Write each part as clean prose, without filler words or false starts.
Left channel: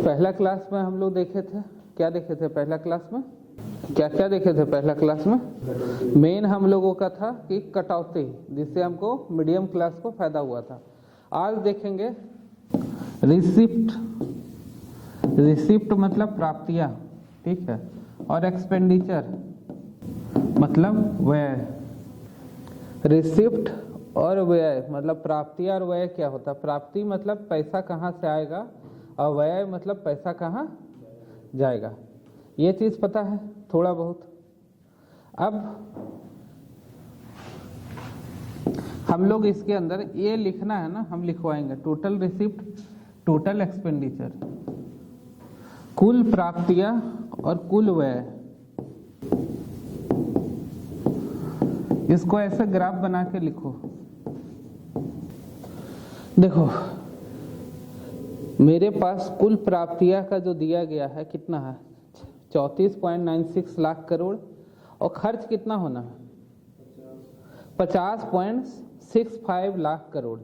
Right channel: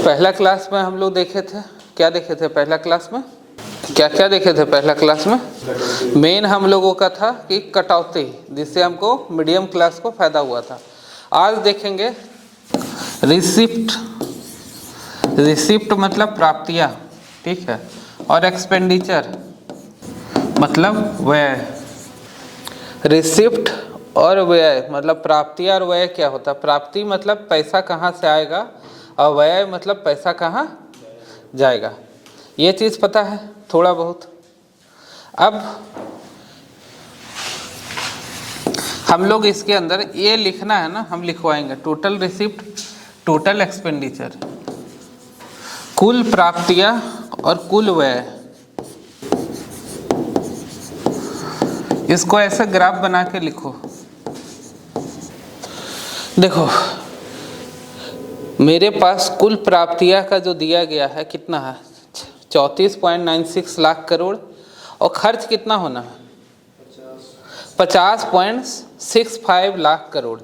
पहला क्लास में हम लोग देखे थे, क्या देखे थे पहला क्लास में, क्या क्या देखे थे पहला क्लास में? मेन हम लोगों का था कि कटौती, जिससे हमको मीडियम क्लास को फायदा हुआ था। आज देखेंगे रिसिप्ट। रिसिप्ट मतलब प्राप्तियां, ठीक है, और एक्सपेंडिचर मतलब व्यय। रिसिप्ट और व्यय मतलब प्राप्तियां और व्यय क्या होता है? प्राप्ति मतलब पैसा कहाँ से आएगा और व्यय मतलब पैसा कहाँ जाएगा। ये चीज़ पता है थोड़ा बहुत। अब हम लोग इसके अंदर ये लिखना है ना, हम लिखवाएंगे टोटल रिसिप्ट, टोटल एक्सपेंडिचर, कुल प्राप्तियां और कुल व्यय। इसको ऐसे ग्राफ बना के लिखो। देखो मेरे पास कुल प्राप्तियां का जो दिया गया है कितना है, 34.96 लाख करोड़, और खर्च कितना होना है 50.65 लाख करोड़।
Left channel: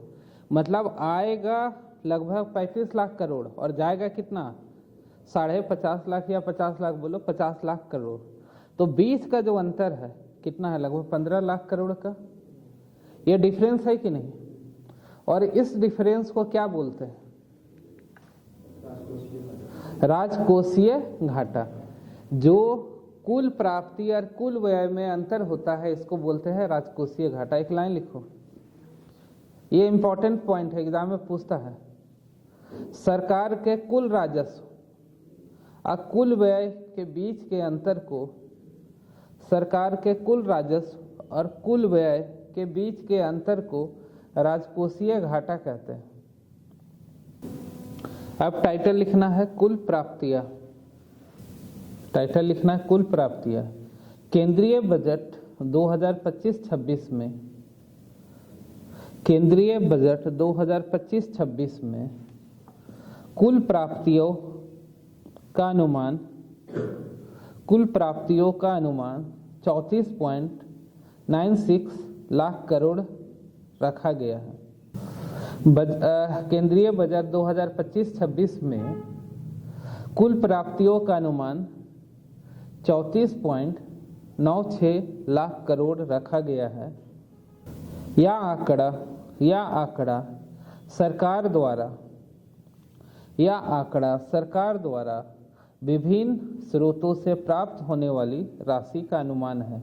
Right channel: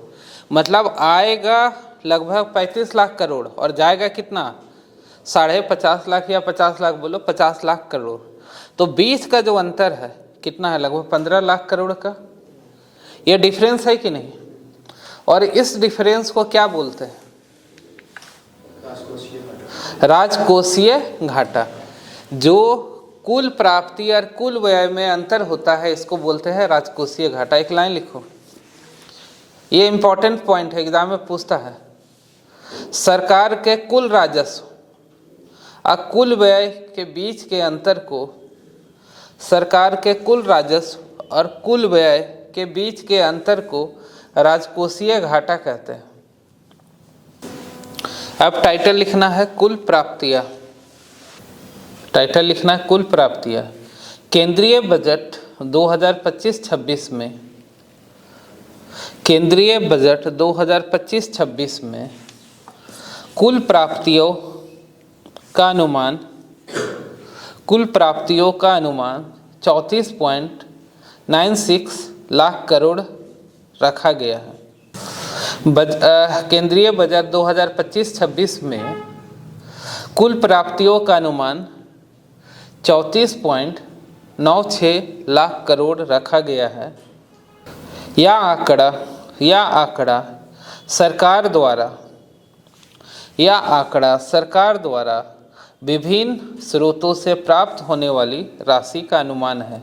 मतलब आएगा लगभग 35 लाख करोड़ और जाएगा कितना 50.5 लाख या 50 लाख, बोलो 50 लाख करोड़। तो बीच का जो अंतर है कितना है, लगभग 15 लाख करोड़ का। ये डिफरेंस है कि नहीं? और इस डिफरेंस को क्या बोलते हैं? राजकोषीय घाटा। जो कुल प्राप्ति और कुल व्यय में अंतर होता है इसको बोलते हैं राजकोषीय घाटा। एक लाइन लिखो, ये इंपॉर्टेंट पॉइंट है, एग्जाम में पूछता है। सरकार के कुल राजस्व और कुल व्यय के बीच के अंतर को, सरकार के कुल राजस्व और कुल व्यय के बीच के अंतर को राजकोषीय घाटा कहते हैं। अब टाइटल लिखना है कुल प्राप्तियां। टाइटल लिखना है कुल प्राप्तियां। केंद्रीय बजट 2025-26 में, केंद्रीय बजट 2025-26 में कुल प्राप्तियों का अनुमान, कुल प्राप्तियों का अनुमान 34.96 लाख करोड़ रखा गया है। केंद्रीय बजट 2025-26 में कुल प्राप्तियों का अनुमान 34.96 लाख करोड़ रखा गया है। यह आंकड़ा सरकार द्वारा विभिन्न स्रोतों से प्राप्त होने वाली राशि का अनुमान है।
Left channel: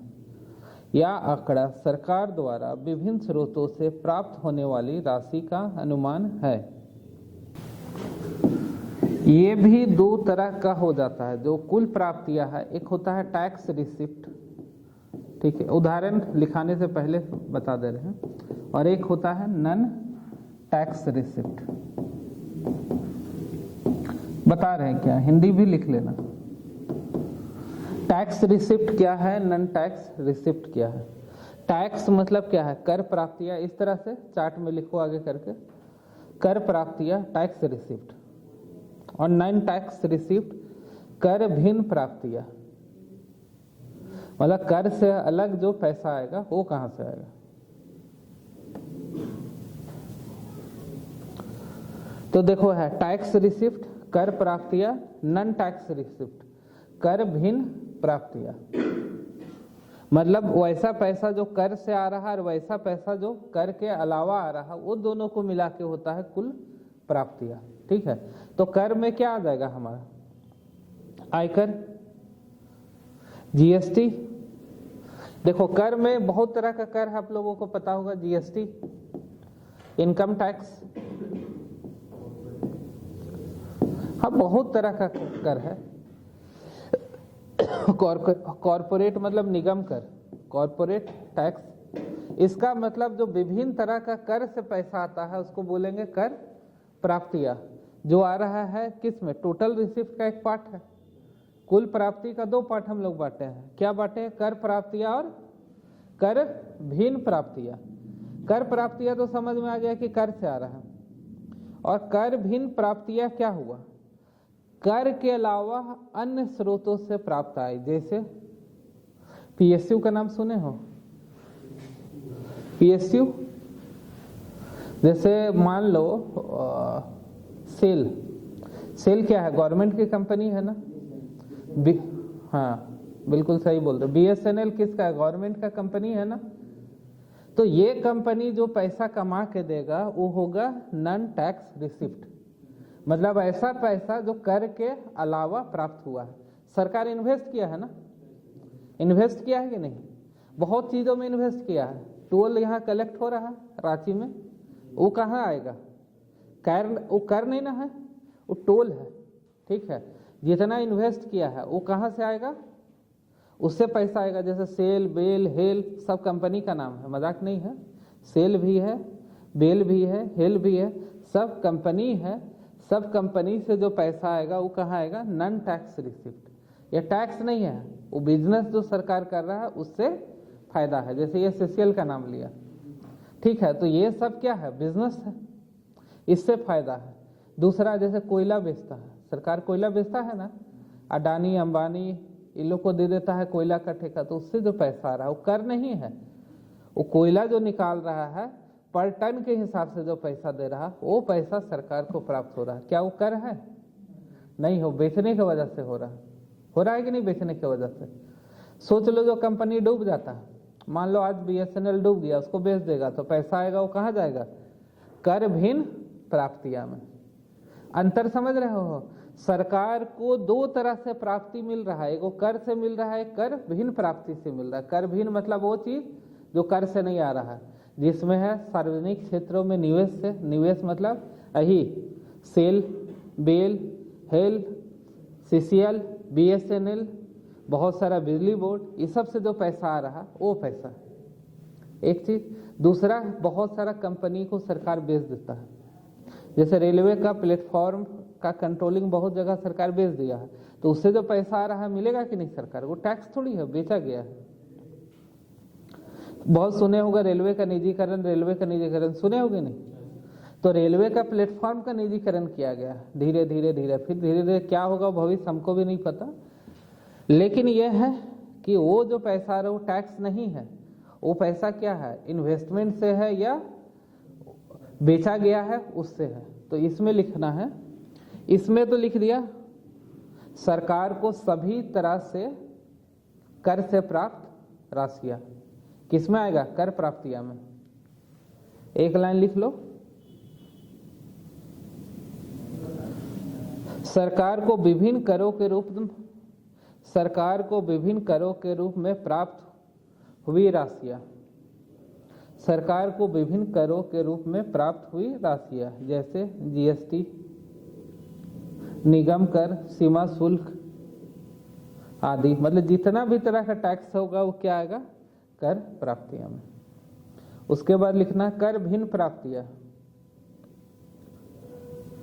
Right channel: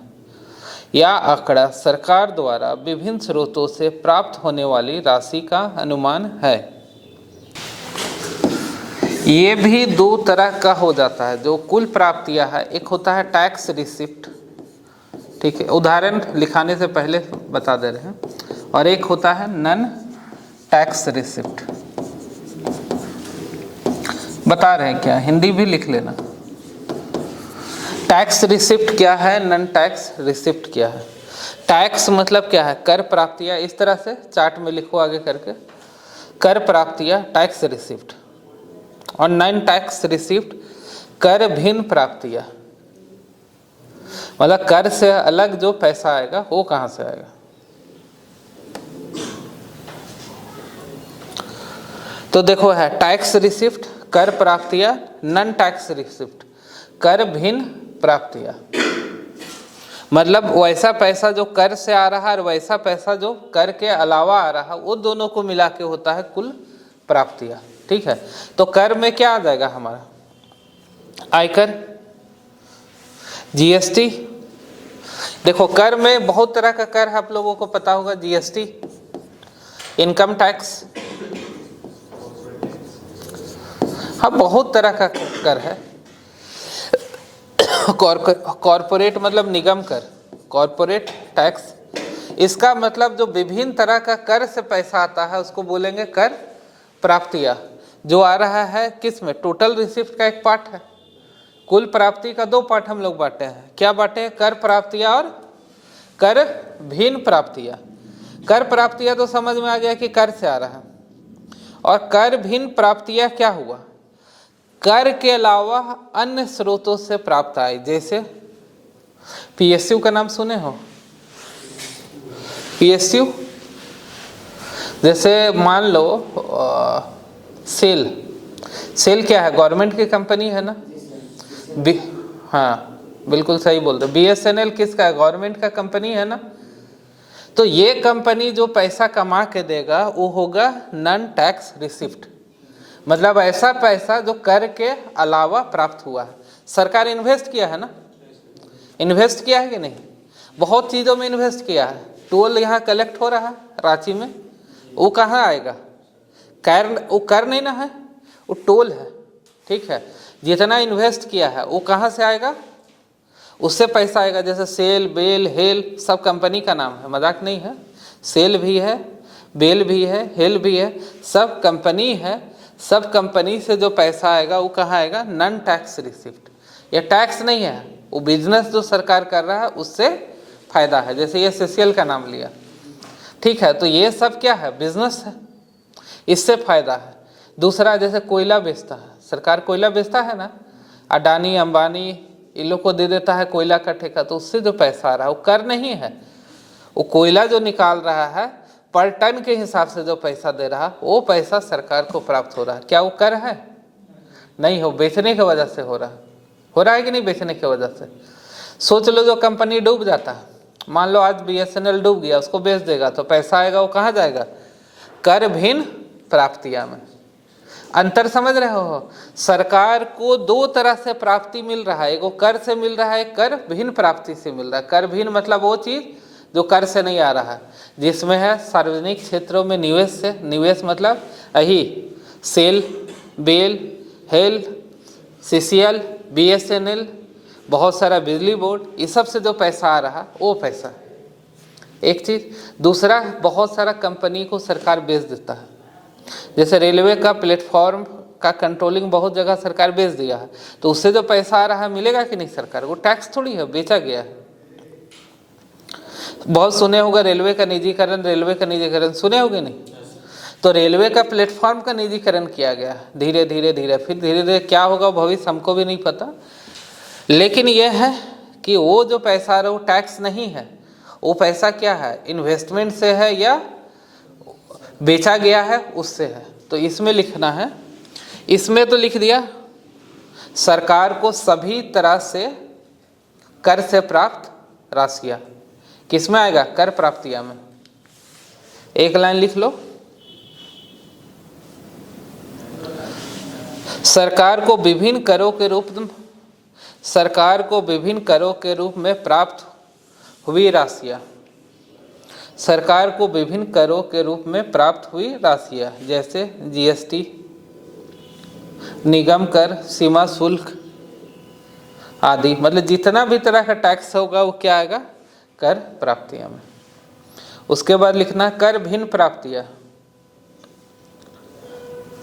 यह आंकड़ा सरकार द्वारा विभिन्न स्रोतों से प्राप्त होने वाली राशि का अनुमान है। ये भी दो तरह का हो जाता है जो कुल प्राप्तियां है। एक होता है टैक्स रिसिप्ट, ठीक है, उदाहरण लिखाने से पहले बता दे रहे हैं, और एक होता है नन टैक्स रिसिप्ट। बता रहे हैं क्या, हिंदी भी लिख लेना। टैक्स रिसिप्ट क्या है, नन टैक्स रिसिप्ट क्या है? टैक्स मतलब क्या है, कर प्राप्तियां। इस तरह से चार्ट में लिखो आगे करके, कर प्राप्तियां टैक्स रिसिप्ट, और नन टैक्स रिसिप्ट कर भिन्न प्राप्तियां। मतलब कर से अलग जो पैसा आएगा वो कहां से आएगा। तो देखो है टैक्स रिसिप्ट, कर प्राप्तियां, नन टैक्स रिसिप्ट कर भिन्न प्राप्तियां। मतलब वैसा पैसा जो कर से आ रहा है और वैसा पैसा जो कर के अलावा आ रहा है, वो दोनों को मिला के होता है कुल प्राप्तियां, ठीक है। तो कर में क्या आ जाएगा हमारा, आयकर, जीएसटी। देखो कर में बहुत तरह का कर आप लोगों को पता होगा, जीएसटी, इनकम टैक्स, हाँ बहुत तरह का कर है। कॉर्पोरेट मतलब निगम कर, कॉर्पोरेट टैक्स। इसका मतलब जो विभिन्न तरह का कर से पैसा आता है उसको बोलेंगे कर प्राप्तियां। जो आ रहा है किस में, टोटल रिसिप्ट का एक पार्ट है। कुल प्राप्ति का दो पार्ट हम लोग बांटे हैं। क्या बांटे हैं, कर प्राप्तियां और कर भिन्न प्राप्तियां। कर प्राप्तियां तो समझ में आ गया कि कर से आ रहा है, और कर भिन्न प्राप्तियां क्या हुआ, कर के अलावा अन्य स्रोतों से प्राप्त आए। जैसे पीएसयू का नाम सुने हो, पीएसयू, जैसे मान लो सेल, सेल क्या है, गवर्नमेंट की कंपनी है ना। हाँ बिल्कुल सही बोल रहे। BSNL किसका है, गवर्नमेंट का कंपनी है ना। तो ये कंपनी जो पैसा कमा के देगा वो होगा नॉन टैक्स रिसिप्ट, मतलब ऐसा पैसा जो कर के अलावा प्राप्त हुआ है। सरकार इन्वेस्ट किया है ना, इन्वेस्ट किया है कि नहीं, बहुत चीज़ों में इन्वेस्ट किया है। टोल यहाँ कलेक्ट हो रहा है रांची में, वो कहाँ आएगा, कर, वो कर नहीं ना है, वो टोल है, ठीक है। जितना इन्वेस्ट किया है वो कहाँ से आएगा, उससे पैसा आएगा। जैसे सेल, बेल, हेल सब कंपनी का नाम है, मजाक नहीं है। सेल भी है, बेल भी है, हेल भी है, सब कंपनी है। सब कंपनी से जो पैसा आएगा वो कहाँ आएगा, नॉन टैक्स रिसिप्ट। ये टैक्स नहीं है, वो बिजनेस जो सरकार कर रहा है उससे फायदा है। जैसे ये CCL का नाम लिया, ठीक है, तो ये सब क्या है, बिजनेस है, इससे फायदा है। दूसरा जैसे कोयला बेचता है सरकार, कोयला बेचता है ना, अडानी अंबानी इन लोग को दे देता है कोयला का ठेका, तो उससे जो पैसा आ रहा है वो कर नहीं है, वो कोयला जो निकाल रहा है पर टन के हिसाब से जो पैसा दे रहा है वो पैसा सरकार को प्राप्त हो रहा है। क्या वो कर है, नहीं हो, बेचने की वजह से हो रहा है कि नहीं, बेचने की वजह से। सोच लो जो कंपनी डूब जाता है, मान लो आज BSNL डूब गया, उसको बेच देगा तो पैसा आएगा, वो कहाँ जाएगा, कर भिन्न प्राप्तियां में। अंतर समझ रहे हो, सरकार को दो तरह से प्राप्ति मिल रहा है, एगो कर से मिल रहा है, कर भिन्न प्राप्ति से मिल रहा है। कर भिन्न मतलब वो चीज़ जो कर से नहीं आ रहा है, जिसमें है सार्वजनिक क्षेत्रों में निवेश से, निवेश मतलब यही सेल, बेल, हेल, CCL, BSNL, बहुत सारा बिजली बोर्ड, इस सब से जो पैसा आ रहा वो पैसा एक चीज़। दूसरा, बहुत सारा कंपनी को सरकार बेच देता है। जैसे रेलवे का प्लेटफॉर्म का कंट्रोलिंग बहुत जगह सरकार बेच दिया है, तो उससे जो पैसा आ रहा है मिलेगा कि नहीं सरकार को, टैक्स थोड़ी है, बेचा गया है। बहुत सुने होगा रेलवे का निजीकरण, रेलवे का निजीकरण सुने होगे नहीं, तो रेलवे का प्लेटफॉर्म का निजीकरण किया गया धीरे धीरे धीरे, फिर धीरे धीरे क्या होगा भविष्य हमको भी नहीं पता। लेकिन यह है कि वो जो पैसा आ रहा है वो टैक्स नहीं है, वो पैसा क्या है, इन्वेस्टमेंट से है या बेचा गया है उससे है। तो इसमें लिखना है, इसमें तो लिख दिया सरकार को सभी तरह से कर से प्राप्त राशियां, किसमें आएगा, कर प्राप्तियां में। एक लाइन लिख लो, सरकार को विभिन्न करों के रूप में प्राप्त हुई राशियां, सरकार को विभिन्न करों के रूप में प्राप्त हुई राशियां, जैसे GST, निगम कर, सीमा शुल्क आदि, मतलब जितना भी तरह का टैक्स होगा वो क्या आएगा, कर प्राप्तियां में। उसके बाद लिखना कर भिन्न प्राप्तियां,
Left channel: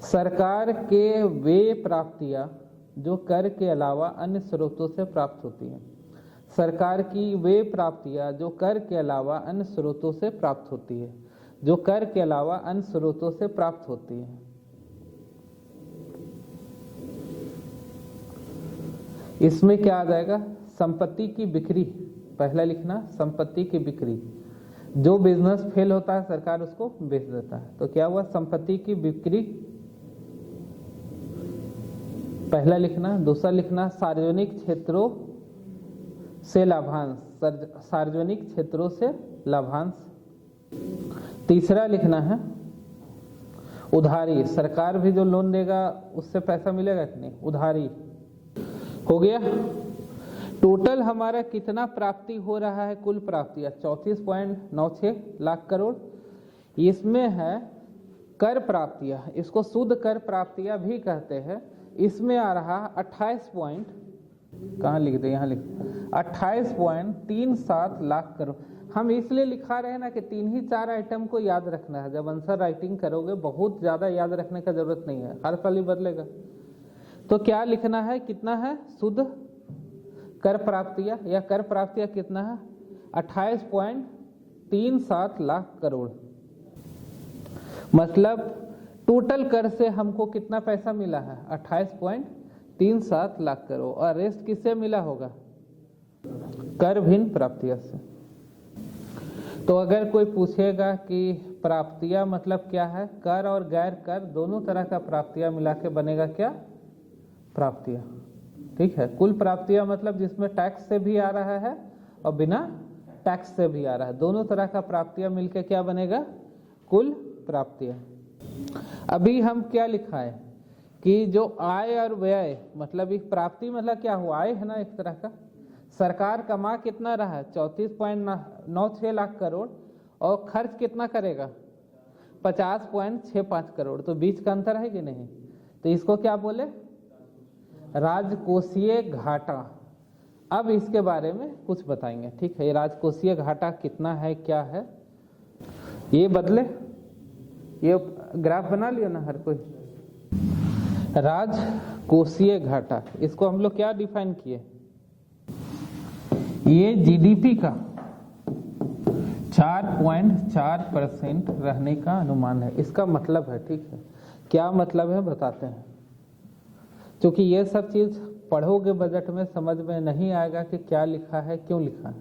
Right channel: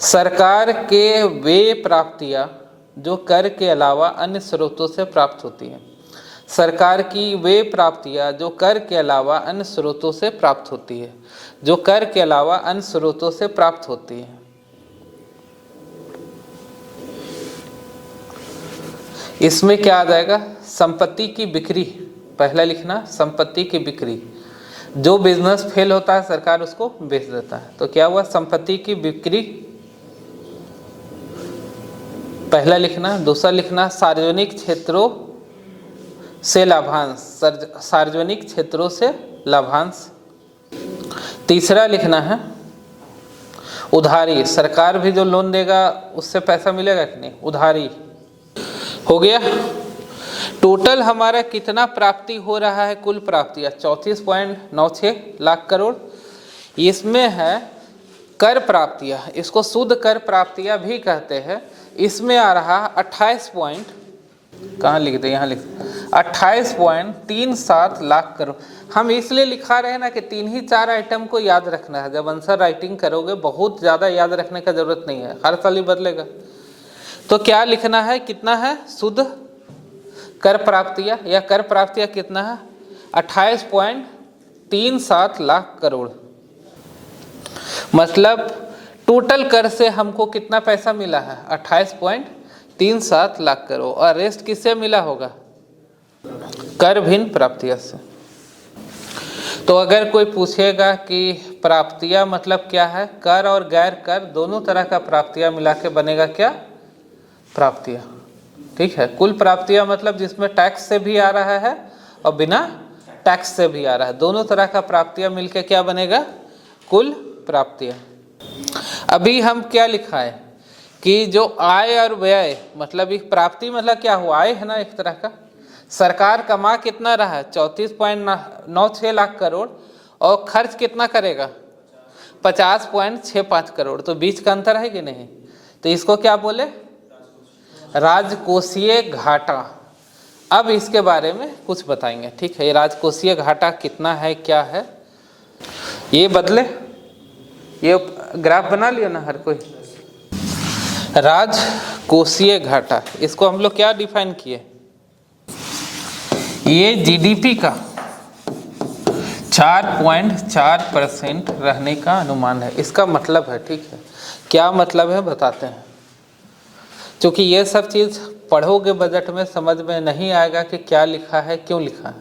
सरकार के वे प्राप्तियां जो कर के अलावा अन्य स्रोतों से प्राप्त होती हैं। सरकार की वे प्राप्तियां जो कर के अलावा अन्य स्रोतों से प्राप्त होती है, जो कर के अलावा अन्य स्रोतों से प्राप्त होती है। इसमें क्या आ जाएगा, संपत्ति की बिक्री, पहला लिखना संपत्ति की बिक्री, जो बिजनेस फेल होता है सरकार उसको बेच देता है, तो क्या हुआ, संपत्ति की बिक्री पहला लिखना। दूसरा लिखना सार्वजनिक क्षेत्रों से लाभांश, सार्वजनिक क्षेत्रों से लाभांश। तीसरा लिखना है उधारी, सरकार भी जो लोन देगा उससे पैसा मिलेगा कि नहीं, उधारी। हो गया। टोटल हमारा कितना प्राप्ति हो रहा है, कुल प्राप्तियां 34.96 लाख करोड़। इसमें है कर प्राप्तियां, इसको शुद्ध कर प्राप्तियां भी कहते हैं। इसमें आ रहा 28 कहाँ लिख दे, यहाँ लिख 28.37 लाख करोड़। हम इसलिए लिखा रहे हैं ना कि 3 ही 4 आइटम को याद रखना है। जब आंसर राइटिंग करोगे बहुत ज़्यादा याद रखने का जरूरत नहीं है, हर साल ही बदलेगा। तो क्या लिखना है, कितना है शुद्ध कर प्राप्तियां, या कर प्राप्तियां कितना है 28.37 लाख करोड़। मतलब टोटल कर से हमको कितना पैसा मिला है 28.37 लाख करोड़, और रेस्ट किससे मिला होगा, कर भिन्न प्राप्तियां से। तो अगर कोई पूछेगा कि प्राप्तियां मतलब क्या है, कर और गैर कर दोनों तरह का प्राप्तियां मिला के बनेगा क्या, प्राप्तियां। ठीक है, कुल प्राप्तियां मतलब जिसमें टैक्स से भी आ रहा है और बिना टैक्स से भी आ रहा है, दोनों तरह का प्राप्तियां मिलके क्या बनेगा, कुल प्राप्तियां। अभी हम क्या लिखा है कि जो आय और व्यय मतलब एक प्राप्ति मतलब क्या हुआ, आय है ना एक तरह का। सरकार कमा कितना रहा है 34.96 लाख करोड़ और खर्च कितना करेगा 50.65 करोड़, तो बीच का अंतर है कि नहीं। तो इसको क्या बोले, राजकोषीय घाटा। अब इसके बारे में कुछ बताएंगे। ठीक है, ये राजकोषीय घाटा कितना है, क्या है, ये बदले, ये ग्राफ बना लिया ना हर कोई। राजकोषीय घाटा, इसको हम लोग क्या डिफाइन किए, ये जीडीपी का 4.4% रहने का अनुमान है, इसका मतलब है। ठीक है, क्या मतलब है बताते हैं, क्योंकि ये सब चीज़ पढ़ोगे बजट में समझ में नहीं आएगा कि क्या लिखा है, क्यों लिखा है।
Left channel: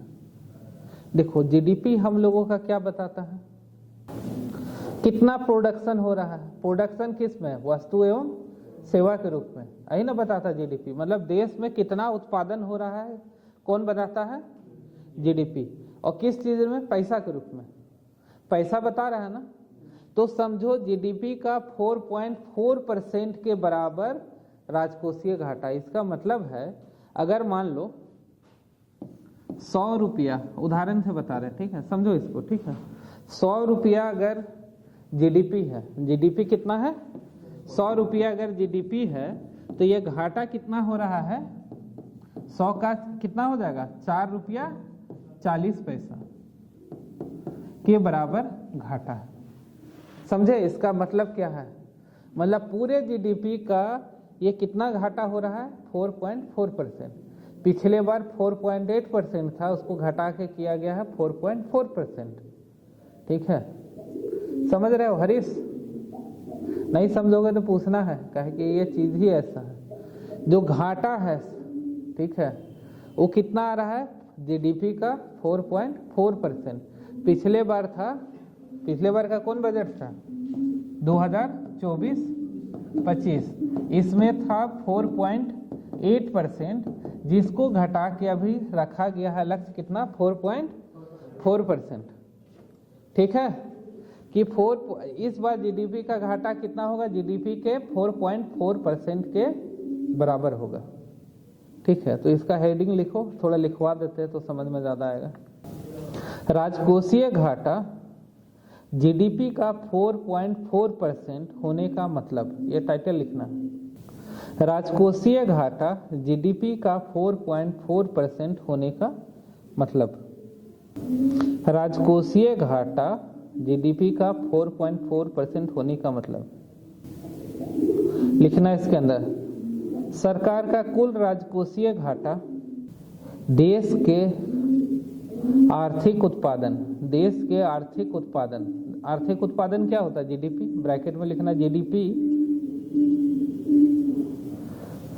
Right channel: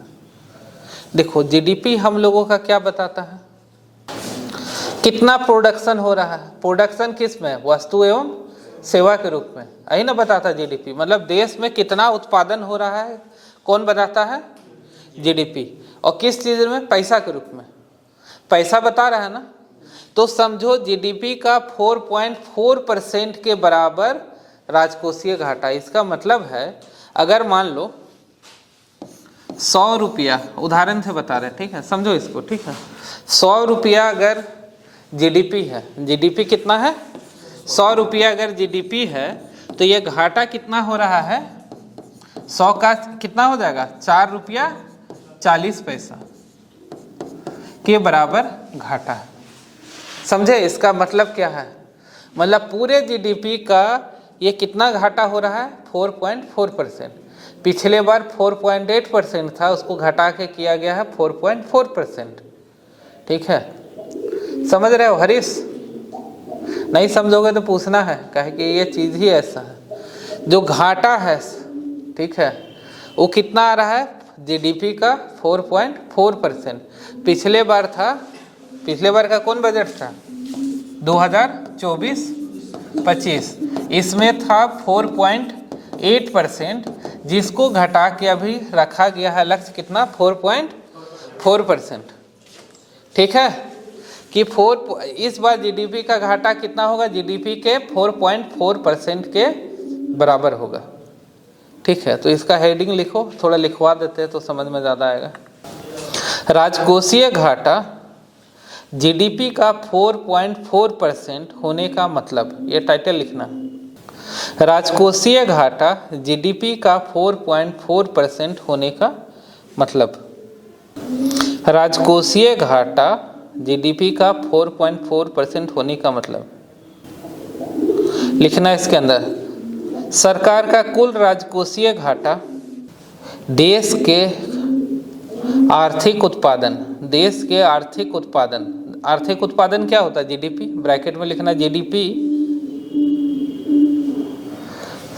देखो जीडीपी हम लोगों का क्या बताता है, कितना प्रोडक्शन हो रहा है, प्रोडक्शन किस में, वस्तु एवं सेवा के रूप में, यही ना बताता जीडीपी, मतलब देश में कितना उत्पादन हो रहा है, कौन बताता है, जीडीपी। और किस चीज़ में, पैसा के रूप में, पैसा बता रहा है ना। तो समझो जीडीपी का 4.4% के बराबर राजकोषीय घाटा। इसका मतलब है अगर मान लो 100 रुपया, उदाहरण से बता रहे हैं, ठीक है, समझो इसको। ठीक है, 100 रुपया अगर जीडीपी है, जीडीपी कितना है 100 रुपया अगर जीडीपी है, तो ये घाटा कितना हो रहा है, 100 का कितना हो जाएगा 4 रुपया 40 पैसा के बराबर घाटा है। समझे, इसका मतलब क्या है, मतलब पूरे जीडीपी का ये कितना घाटा हो रहा है 4.4%। पिछले बार 4.8% था, उसको घटा के किया गया है 4.4%। ठीक है, समझ रहे हो हरीश, नहीं समझोगे तो पूछना है, कहे कि ये चीज़ ही ऐसा है। जो घाटा है, ठीक है, वो कितना आ रहा है जीडीपी का 4.4%। पिछले बार था, पिछले बार का कौन बजट था 2024-25, इसमें था 4.8%, जिसको घटा के अभी रखा गया है लक्ष्य कितना 4.4%। ठीक है, कि इस बार जीडीपी का घाटा कितना होगा, जीडीपी के 4.4% के बराबर होगा। ठीक है, तो इसका हेडिंग लिखो, थोड़ा लिखवा देते हैं तो समझ में ज़्यादा आएगा। राजकोषीय घाटा जीडीपी का 4.4% होने का मतलब, ये टाइटल लिखना, राजकोषीय घाटा जीडीपी का 4.4% होने का मतलब, राजकोषीय घाटा जीडीपी का 4.4% होने का मतलब लिखना इसके अंदर। सरकार का कुल राजकोषीय घाटा देश के आर्थिक उत्पादन, देश के आर्थिक उत्पादन, आर्थिक उत्पादन क्या होता है जीडीपी, ब्रैकेट में लिखना जीडीपी,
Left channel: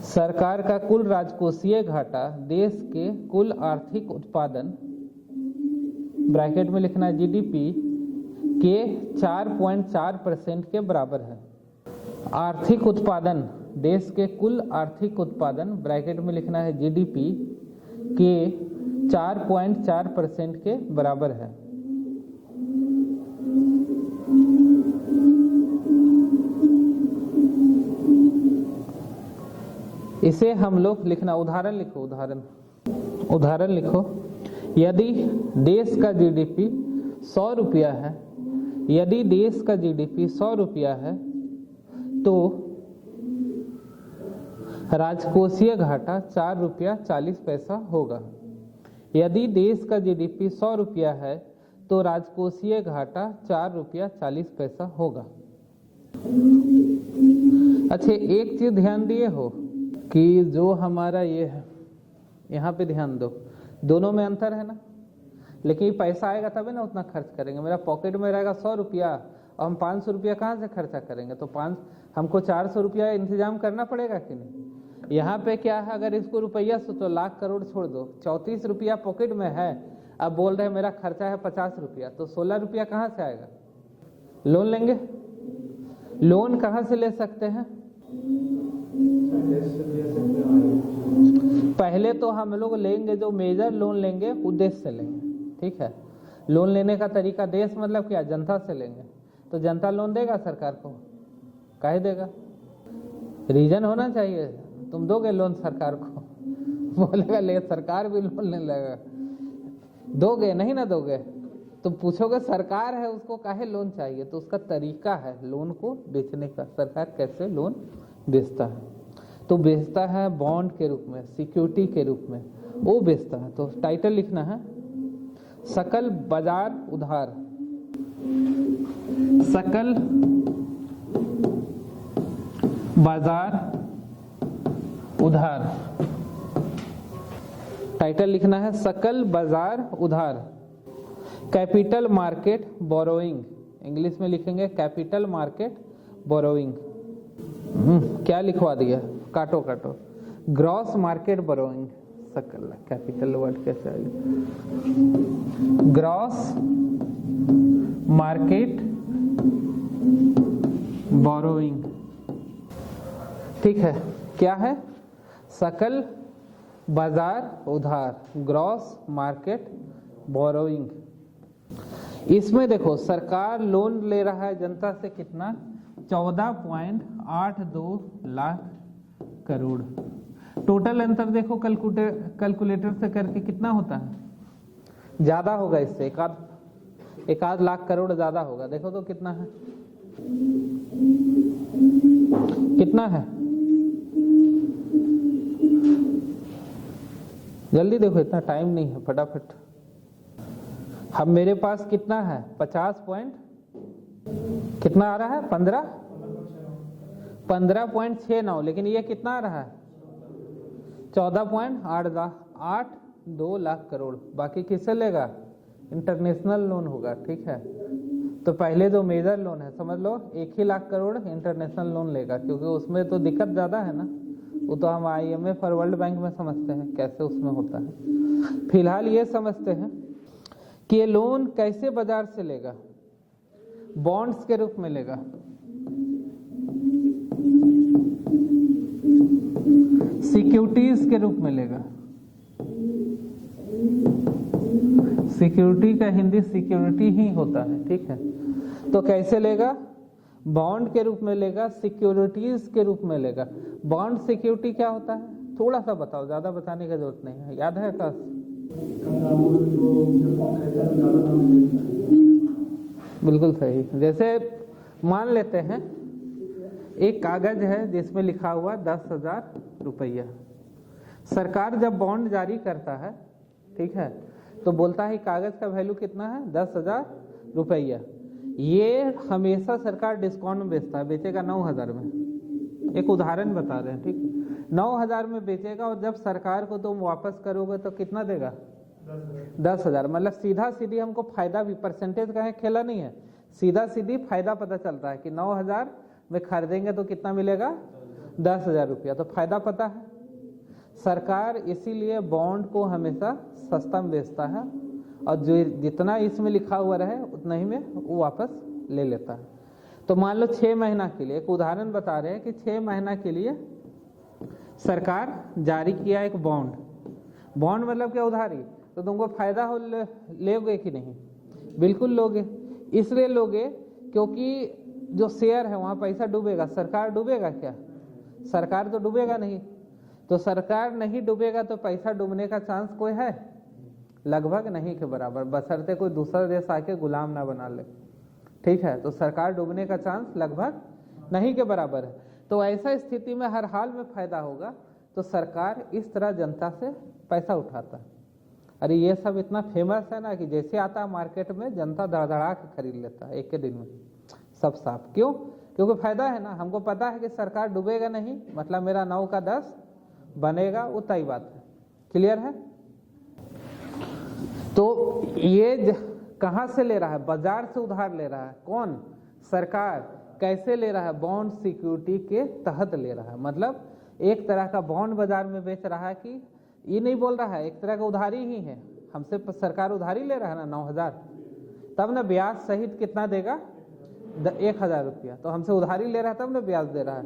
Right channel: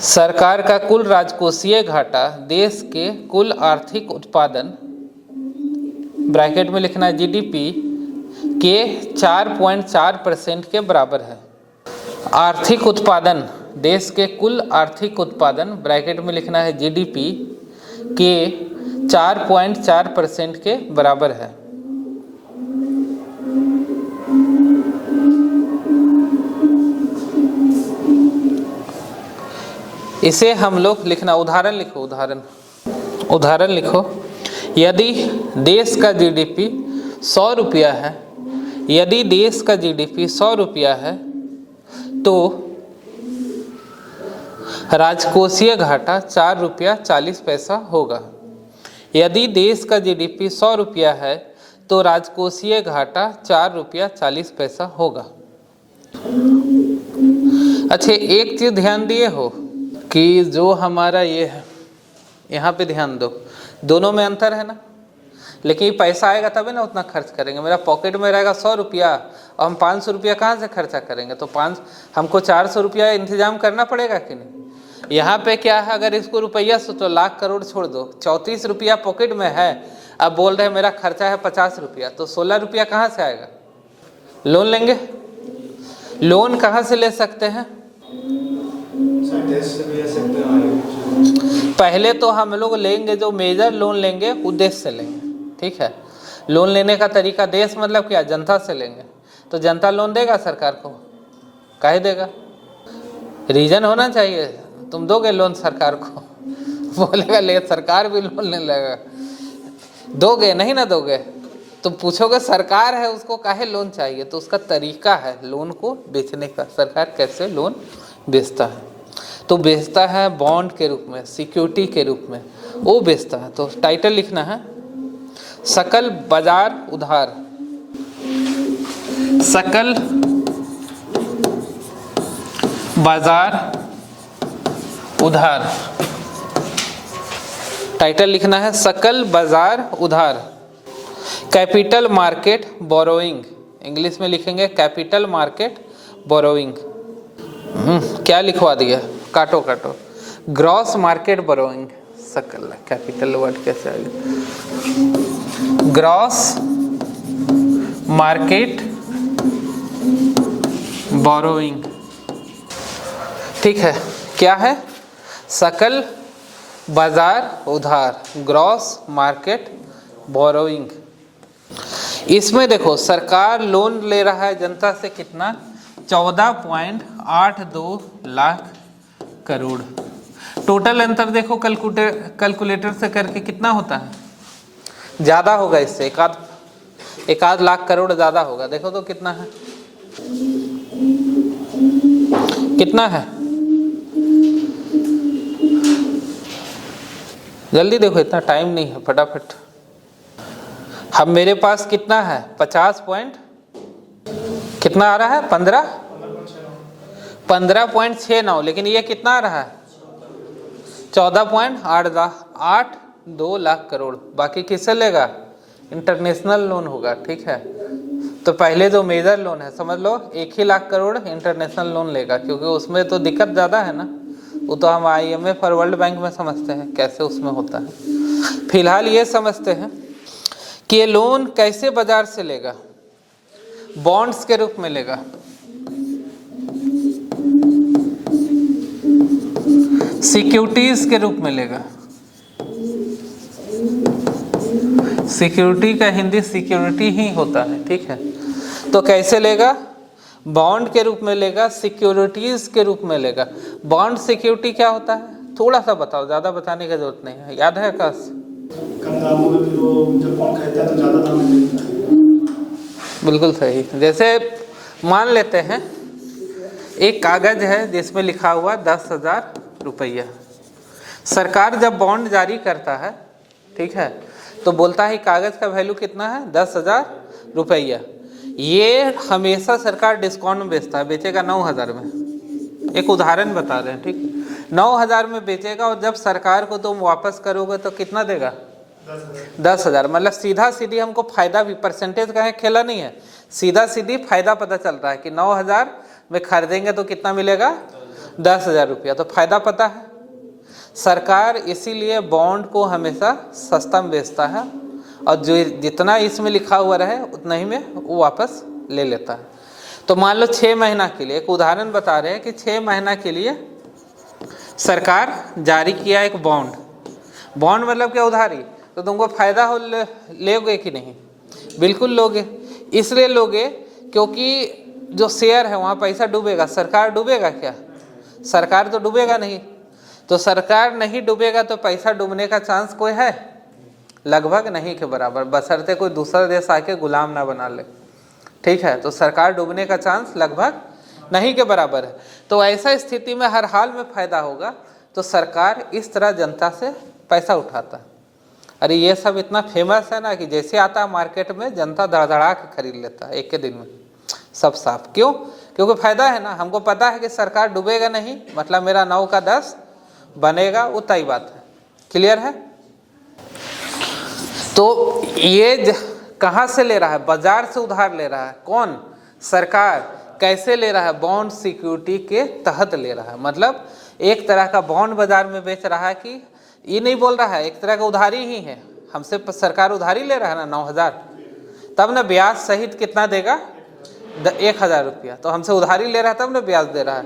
सरकार का कुल राजकोषीय घाटा देश के कुल आर्थिक उत्पादन, ब्रैकेट में लिखना जीडीपी के 4.4% के बराबर है। आर्थिक उत्पादन, देश के कुल आर्थिक उत्पादन, ब्रैकेट में लिखना है जीडीपी के 4.4% के बराबर है। इसे हम लोग लिखना, उदाहरण लिखो, उदाहरण लिखो। यदि देश का जीडीपी 100 रुपया है, यदि देश का जीडीपी 100 रुपया है, तो राजकोषीय घाटा 4 रुपया 40 पैसा होगा। यदि देश का जीडीपी 100 रुपया है, तो राजकोषीय घाटा 4 रुपया 40 पैसा होगा। अच्छा, एक चीज़ ध्यान दिए हो कि जो हमारा ये है, यहाँ पे ध्यान दो, दोनों में अंतर है ना, लेकिन पैसा आएगा तभी ना उतना खर्च करेंगे। मेरा पॉकेट में रहेगा 100 रुपया और हम 500 रुपया कहाँ से खर्चा करेंगे, तो हमको 400 रुपया इंतजाम करना पड़ेगा कि नहीं। यहाँ पे क्या है, अगर इसको रुपया सोचो, लाख करोड़ छोड़ दो, 34 रुपया पॉकेट में है, अब बोल रहे हैं मेरा खर्चा है 50 रुपया, तो 16 रुपया कहाँ से आएगा? लोन लेंगे। लोन कहाँ से ले सकते हैं? पहले तो हम लोग लेंगे, जो मेजर लोन लेंगे वो देश से लेंगे, ठीक है। लोन लेने का तरीका, देश मतलब क्या, जनता से लेंगे। तो जनता लोन देगा सरकार को? काहे देगा? रीजन होना चाहिए। तुम दोगे लोन सरकार को? बोलेगा ले, सरकार भी लोन ले लेगा। दोगे नहीं ना दोगे? तुम पूछोगे सरकार है उसको काहे लोन चाहिए, तो उसका तरीका है लोन को बेचने का। सरकार कैसे लोन बेचता है, तो बेचता है बॉन्ड के रूप में, सिक्योरिटी के रूप में वो बेचता है। तो टाइटल लिखना है सकल बाजार उधार, सकल बाजार उधार। टाइटल लिखना है सकल बाजार उधार। कैपिटल मार्केट बोरोइंग, इंग्लिश में लिखेंगे कैपिटल मार्केट बोरोइंग। क्या लिखवा दिया, काटो काटो। ग्रॉस मार्केट बोरोइंग, सकल कैपिटल वर्ड कैसे आएगा? ग्रॉस मार्केट बोरोइंग, ठीक है। क्या है? सकल बाजार उधार, ग्रॉस मार्केट बोरोइंग। इसमें देखो सरकार लोन ले रहा है जनता से कितना, 14.82 लाख करोड़। टोटल अंतर देखो कैलकुलेटर से करके कितना होता है, ज़्यादा होगा इससे, एक आध लाख करोड़ ज़्यादा होगा। देखो तो कितना है, कितना है, जल्दी देखो, इतना टाइम नहीं है, फटाफट। हम मेरे पास कितना है, 50 पॉइंट कितना आ रहा है, 15.69, लेकिन ये कितना आ रहा है, 14.82 लाख करोड़। बाकी किससे लेगा? इंटरनेशनल लोन होगा, ठीक है। तो पहले जो मेजर लोन है समझ लो 1 ही लाख करोड़ इंटरनेशनल लोन लेगा, क्योंकि उसमें तो दिक्कत ज़्यादा है ना। वो तो हम IMF और वर्ल्ड बैंक में समझते हैं कैसे उसमें होता है। फिलहाल ये समझते हैं कि ये लोन कैसे बाजार से लेगा, बॉन्ड्स के रूप में लेगा। सिक्योरिटीज के रूप में लेगा। सिक्योरिटी का हिंदी सिक्योरिटी ही होता है, ठीक है। तो कैसे लेगा? बॉन्ड के रूप में लेगा, सिक्योरिटीज के रूप में लेगा। बॉन्ड सिक्योरिटी क्या होता है, थोड़ा सा बताओ, ज़्यादा बताने की जरूरत नहीं है। याद है आकाश? कम दामों में फिर वो जब बॉन्ड खरीदता है तो ज़्यादा दाम में खरीदता है। बिल्कुल सही। जैसे मान लेते हैं एक कागज है जिसमें लिखा हुआ 10,000 रुपया। सरकार जब बॉन्ड जारी करता है, ठीक है, तो बोलता है कागज का वैल्यू कितना है, 10,000 रुपया। ये हमेशा सरकार डिस्काउंट में बेचता है, बेचेगा 9,000 में। एक उदाहरण बता रहे हैं, ठीक है। 9,000 में बेचेगा और जब सरकार को तुम वापस करोगे तो कितना देगा, 10,000। मतलब सीधा सीधी हमको फायदा भी, परसेंटेज का है खेला नहीं है, सीधा सीधी फायदा पता चल रहा है कि 9,000 में खरीदेंगे तो कितना मिलेगा, 10,000 रुपया। तो फायदा पता है। सरकार इसीलिए बॉन्ड को हमेशा सस्ता में बेचता है और जो जितना इसमें लिखा हुआ रहे उतना ही में वो वापस ले लेता है। तो मान लो 6 महीना के लिए, एक उदाहरण बता रहे हैं कि 6 महीना के लिए सरकार जारी किया एक बॉन्ड। बॉन्ड मतलब क्या, उधारी। तो तुमको फायदा हो, लोगे कि नहीं? बिल्कुल लोगे। इसलिए लोगे क्योंकि जो शेयर है वहाँ पैसा डूबेगा। सरकार डूबेगा क्या? सरकार तो डूबेगा नहीं। तो सरकार नहीं डूबेगा तो पैसा डूबने का चांस कोई है? लगभग नहीं के बराबर, बशर्ते कोई दूसरा देश आके गुलाम ना बना ले, ठीक है। तो सरकार डूबने का चांस लगभग नहीं के बराबर है। तो ऐसा स्थिति में हर हाल में फायदा होगा। तो सरकार इस तरह जनता से पैसा उठाता है। अरे ये सब इतना फेमस है ना कि जैसे आता है मार्केट में जनता धड़धड़ा के खरीद लेता है एक के दिन में, सब साफ। क्यों? क्योंकि फायदा है ना। हमको पता है कि सरकार डूबेगा नहीं, मतलब मेरा 9 का 10 बनेगा, वो तय बात है। क्लियर है? तो ये कहाँ से ले रहा है? बाजार से उधार ले रहा है। कौन? सरकार। कैसे ले रहा है? बॉन्ड सिक्योरिटी के तहत ले रहा है। मतलब एक तरह का बॉन्ड बाजार में बेच रहा है कि ये नहीं बोल रहा है, एक तरह का उधारी ही है, हमसे सरकार उधारी ले रहा है ना 9,000, तब ना ब्याज सहित कितना देगा 1,000 रुपया, तो हमसे उधारी ले रहा है तब ना ब्याज दे रहा है।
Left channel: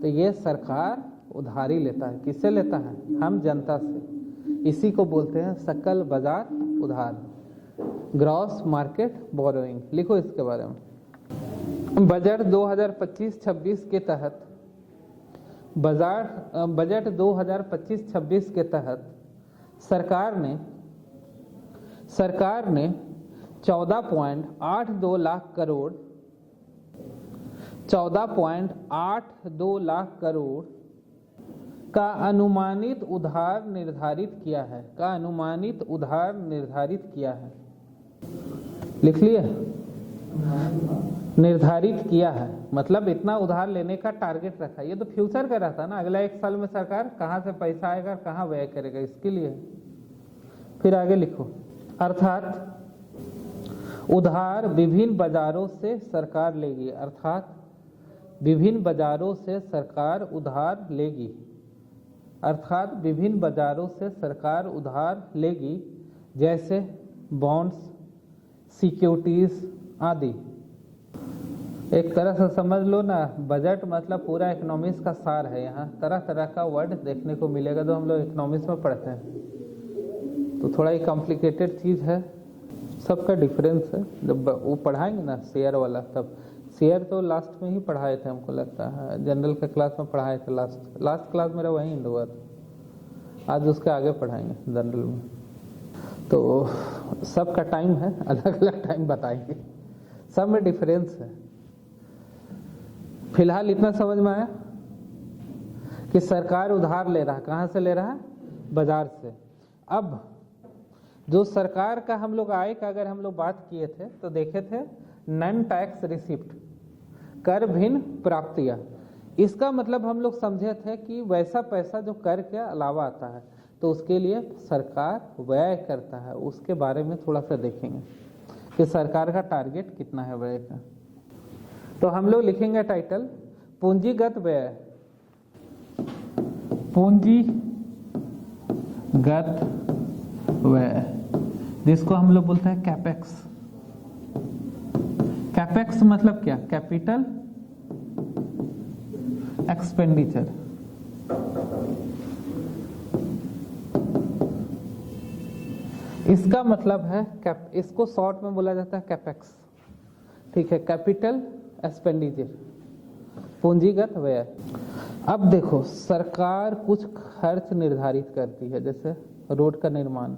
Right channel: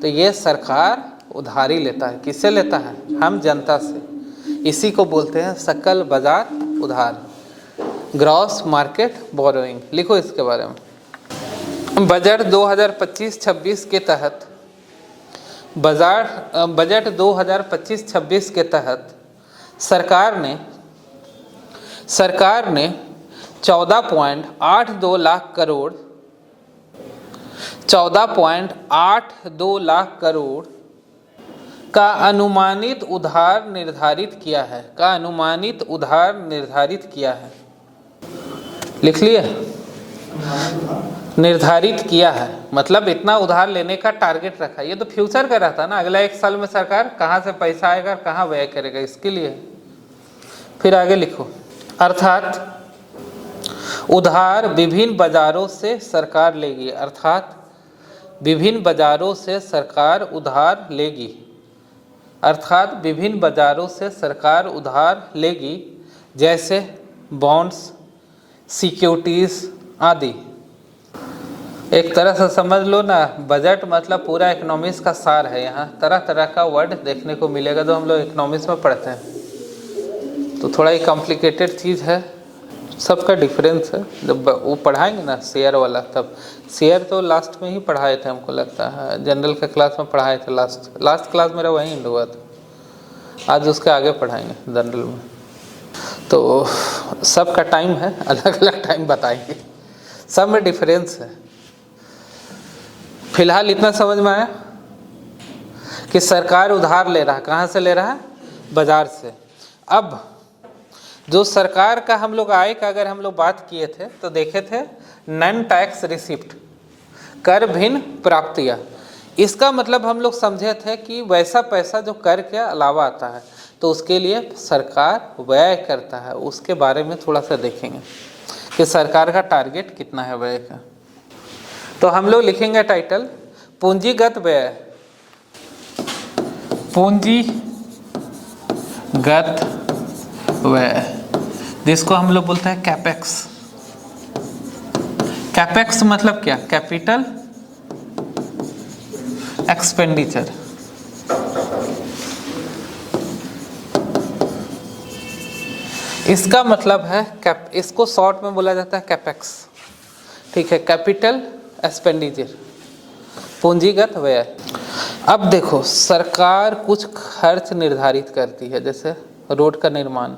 तो ये सरकार उधारी लेता है, किससे लेता है? हम जनता से। इसी को बोलते हैं सकल बाजार उधार, ग्रॉस मार्केट बोरोइंग। लिखो इसके बारे में। बजट 2025-26 के तहत बजट 2025-26 के तहत सरकार ने 14.82 लाख करोड़ 14.82 लाख करोड़ का अनुमानित उधार निर्धारित किया है, का अनुमानित उधार निर्धारित किया है। लिख लिए? निर्धारित किया है मतलब इतना उधार लेने का टारगेट रखा। ये तो फ्यूचर का रहता है ना, अगला 1 साल में सरकार कहाँ से पैसा आएगा, कहाँ व्यय करेगा, इसके लिए। फिर आगे लिखो, अर्थात उधार विभिन्न बाजारों से सरकार लेगी, अर्थात विभिन्न बाजारों से सरकार उधार लेगी, अर्थात विभिन्न बाजारों से सरकार उधार लेगी, जैसे बॉन्ड्स, सिक्योरिटीज आदि। एक तरह से समझ लो ना, बजट मतलब पूरा इकोनॉमिक्स का सार है। यहाँ तरह तरह का वर्ड देखने को मिलेगा जो हम लोग इकोनॉमिक्स में पढ़ते हैं, तो थोड़ा ही कॉम्प्लिकेटेड चीज़ है, सबका डिफरेंस है। जब वो पढ़ाएंगे ना शेयर वाला, तब शेयर तो लास्ट में ही पढ़ाए थे, हमको लगता है जनरल के क्लास में पढ़ाए थे, लास्ट क्लास मेरा वहीं एंड हुआ था। आज उसके आगे पढ़ाएंगे जनरल में, तो सबका टाइम है, अलग अलग टाइम बताएंगे, सब में डिफरेंस है। फिलहाल इतना समझ में आया कि सरकार उधार ले रहा है, कहाँ से ले रहा है? बाजार से। अब जो सरकार का हम लोग आय का अगर हम लोग बात किए थे तो देखे थे नॉन टैक्स रिसिप्ट, कर भिन्न प्राप्तियाँ। इसका मतलब हम लोग समझे थे कि वैसा पैसा जो कर के अलावा आता है तो उसके लिए सरकार व्यय करता है, उसके बारे में थोड़ा सा देखेंगे कि सरकार का टारगेट कितना है व्यय का। तो हम लोग लिखेंगे टाइटल पूंजीगत व्यय, पूंजीगत व्यय, जिसको हम लोग बोलते हैं कैपेक्स। कैपेक्स मतलब क्या? Capital expenditure. इसका मतलब है इसको शॉर्ट में बोला जाता है कैपेक्स, ठीक है, कैपिटल एक्सपेंडिचर, पूंजीगत व्यय। अब देखो, सरकार कुछ खर्च निर्धारित करती है, जैसे रोड का निर्माण,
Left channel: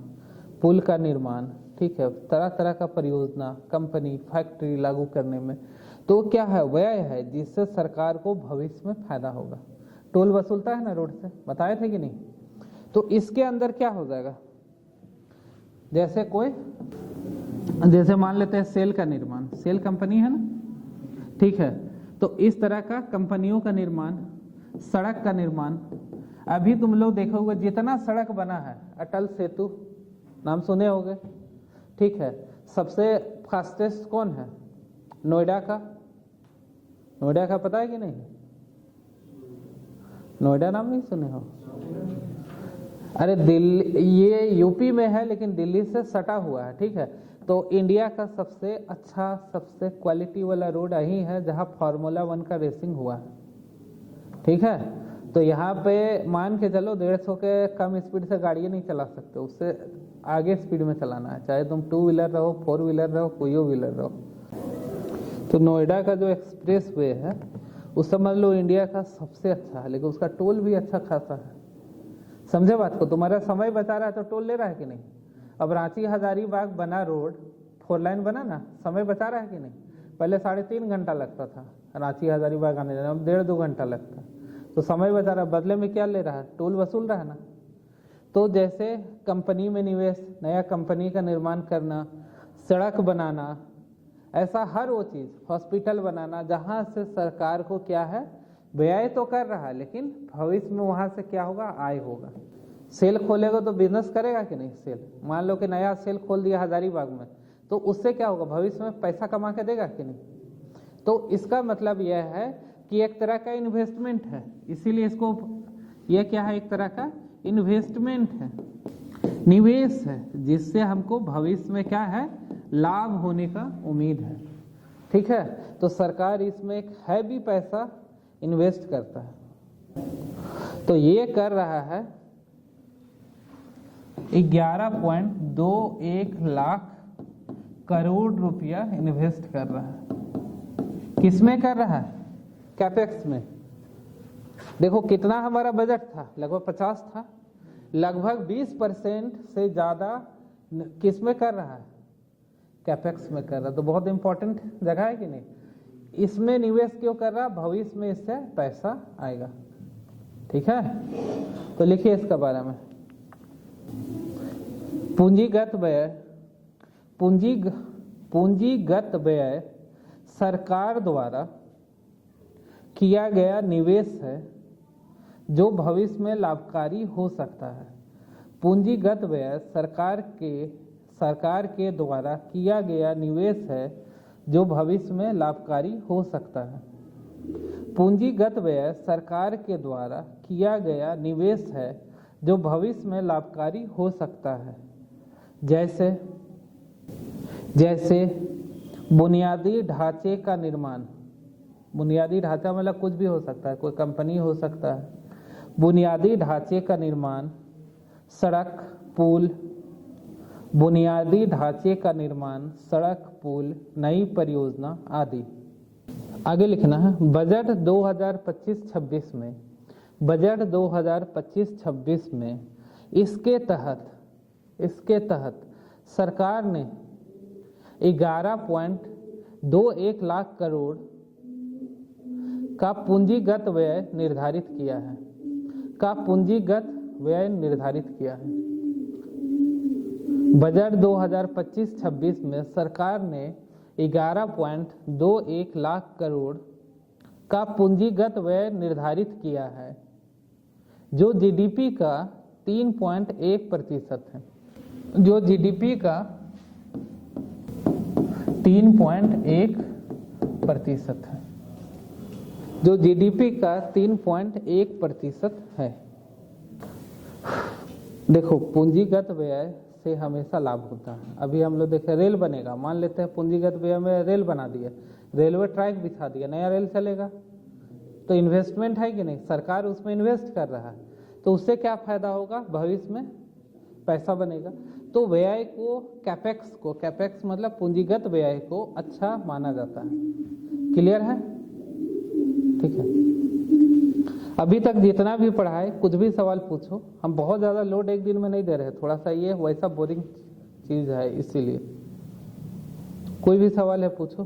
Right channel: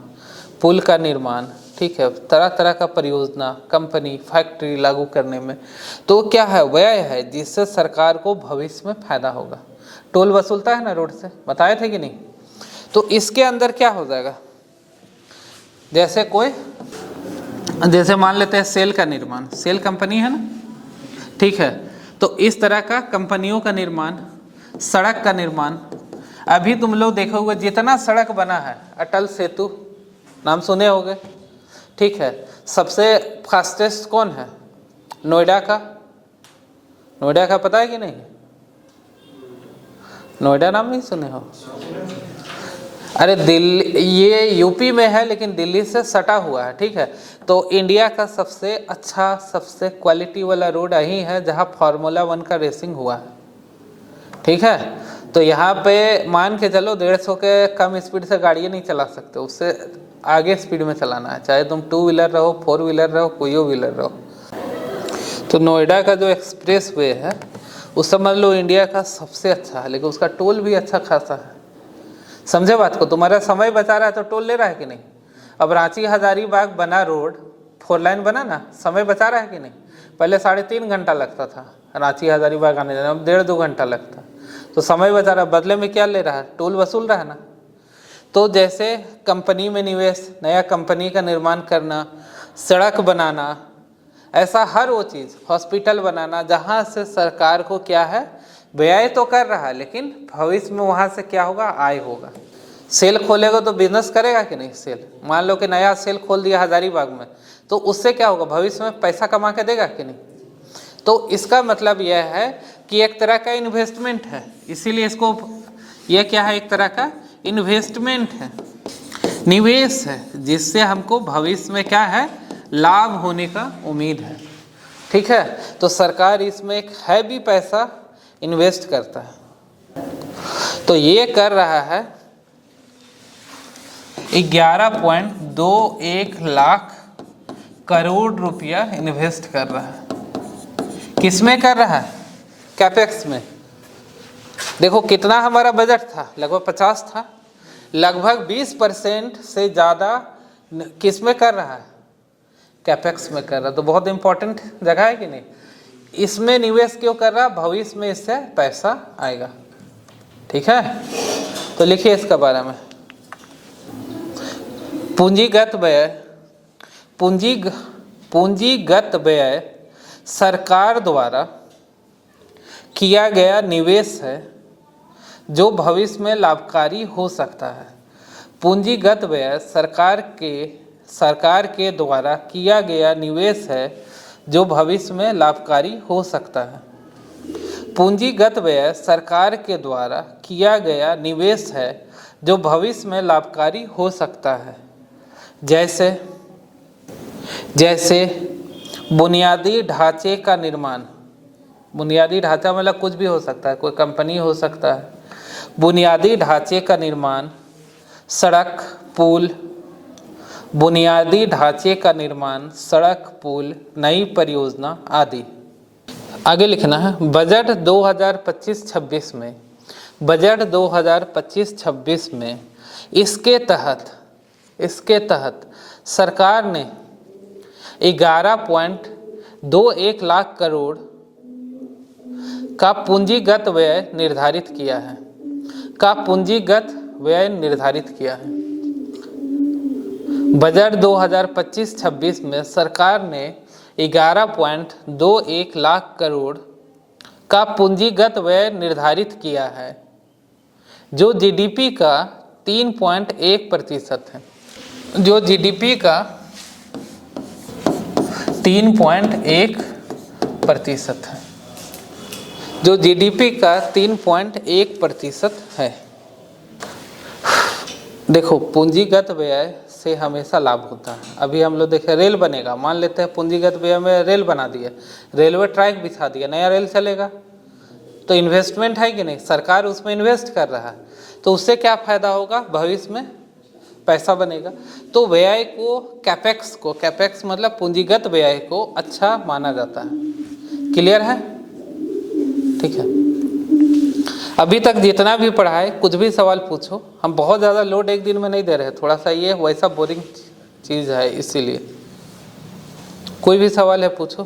पुल का निर्माण, ठीक है, तरह तरह का परियोजना, कंपनी, फैक्ट्री लागू करने में, तो क्या है? व्यय है, जिससे सरकार को भविष्य में फायदा होगा। टोल वसूलता है ना रोड से, बताए थे कि नहीं? तो इसके अंदर क्या हो जाएगा? जैसे मान लेते हैं सेल का निर्माण, सेल कंपनी है ना, ठीक है, तो इस तरह का कंपनियों का निर्माण, सड़क का निर्माण। अभी तुम लोग देखोगे जितना सड़क बना है, अटल सेतु नाम सुने होंगे, ठीक है, सबसे फास्टेस्ट कौन है? नोएडा का। नोएडा का पता है कि नहीं? नोएडा नाम नहीं सुने हो? अरे दिल्ली, ये यूपी में है लेकिन दिल्ली से सटा हुआ है, ठीक है। तो इंडिया का सबसे अच्छा, सबसे क्वालिटी वाला रोड यही है जहाँ फार्मूला 1 का रेसिंग हुआ है, ठीक है। तो यहाँ पे मान के चलो 150 के कम स्पीड से गाड़ियाँ नहीं चला सकते, उससे आगे स्पीड में चलाना है, चाहे तुम 2 व्हीलर रहो, 4 व्हीलर रहो, कोई व्हीलर रहो। तो नोएडा का जो एक्सप्रेस वे है वो समझ लो इंडिया का सबसे अच्छा है, लेकिन उसका टोल भी अच्छा खासा है। समझे बात को? तुम्हारा समय बचा रहा है तो टोल ले रहा है कि नहीं? अब रांची हजारीबाग बना रोड, 4 लाइन बना ना, समय बचा रहा है कि नहीं? पहले 3.5 घंटा लगता था रांची हजारीबाग आने जाने, अब 1.5-2 घंटा लगता। तो समय बचा रहा है, बदले में क्या ले रहा है? टोल वसूल रहा है ना। तो जैसे कंपनी में निवेश, नया कंपनी का निर्माण करना, सड़क बनाना, ऐसा हर वो चीज़, हॉस्पिटल बनाना, जहाँ से सरकार को क्या है? व्यय तो कर रहा है, लेकिन भविष्य में वहाँ से क्या होगा? आय होगा। सेल खोलेगा तो बिजनेस करेगा कि नहीं? सेल, मान लो कि नया सेल खोल दिया हजारीबाग में, तो उससे क्या होगा? भविष्य में पैसा कमा के देगा कि नहीं? तो इसका मतलब यह है कि एक तरह का इन्वेस्टमेंट है, इसीलिए इसको, यह क्या है, एक तरह का इन्वेस्टमेंट है, निवेश है, जिससे हमको भविष्य में क्या है, लाभ होने का उम्मीद है। ठीक है, तो सरकार इसमें एक हैवी पैसा इन्वेस्ट करता है। तो ये कर रहा है 11.21 लाख करोड़ रुपया इन्वेस्ट कर रहा है। किसमें कर रहा है? कैपेक्स में। देखो कितना हमारा बजट था, लगभग 50 था, लगभग 20% से ज़्यादा किस में कर रहा है? कैपेक्स में कर रहा है। तो बहुत इंपॉर्टेंट जगह है कि नहीं? इसमें निवेश क्यों कर रहा? भविष्य में इससे पैसा आएगा। ठीक है, तो लिखिए इसके बारे में। पूंजीगत व्यय, पूंजीगत व्यय सरकार द्वारा किया गया निवेश है जो भविष्य में लाभकारी हो सकता है। पूंजीगत व्यय सरकार के द्वारा किया गया निवेश है जो भविष्य में लाभकारी हो सकता है। पूंजीगत व्यय सरकार के द्वारा किया गया निवेश है जो भविष्य में लाभकारी हो सकता है। जैसे बुनियादी ढांचे का निर्माण, बुनियादी ढांचा मतलब कुछ भी हो सकता है, कोई कंपनी हो सकता है। बुनियादी ढांचे का निर्माण, सड़क, पुल, बुनियादी ढांचे का निर्माण, सड़क, पुल, नई परियोजना आदि। आगे लिखना है, बजट 2025-26 में, बजट 2025-26 में इसके तहत सरकार ने 11.21 लाख करोड़ का पूंजीगत व्यय निर्धारित किया है, बजट 2025-26 में सरकार ने 11.21 लाख करोड़ का पूंजीगत व्यय निर्धारित किया है, जो जीडीपी का 3.1% है, जो जीडीपी का 3.1% है, जो जीडीपी का 3.1% है। देखो पूंजीगत व्यय से हमेशा लाभ होता है। अभी हम लोग देखें रेल बनेगा, मान लेते हैं पूंजीगत व्यय में रेल बना दिया, रेलवे ट्रैक बिछा दिया, नया रेल चलेगा, तो इन्वेस्टमेंट है कि नहीं? सरकार उसमें इन्वेस्ट कर रहा है, तो उससे क्या फ़ायदा होगा? भविष्य में पैसा बनेगा। तो व्यय को, कैपेक्स मतलब पूंजीगत व्यय को अच्छा माना जाता है। क्लियर है? ठीक है, अभी तक जितना भी पढ़ा है, कुछ भी सवाल पूछो, हम बहुत ज़्यादा लोड एक दिन में नहीं दे रहे, थोड़ा सा ये वैसा बोरिंग चीज़ है, इसीलिए कोई भी सवाल है पूछो,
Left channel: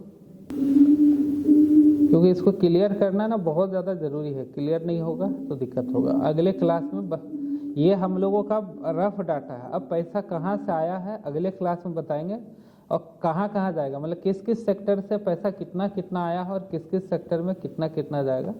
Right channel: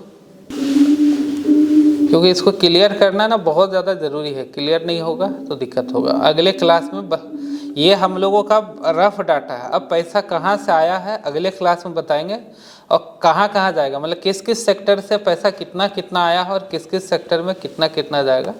क्योंकि इसको क्लियर करना ना बहुत ज़्यादा ज़रूरी है। क्लियर नहीं होगा तो दिक्कत होगा। अगले क्लास में ये हम लोगों का रफ डाटा है, अब पैसा कहाँ से आया है अगले क्लास में बताएंगे, और कहाँ कहाँ जाएगा, मतलब किस किस सेक्टर से पैसा कितना कितना आया है और किस किस सेक्टर में कितना कितना जाएगा।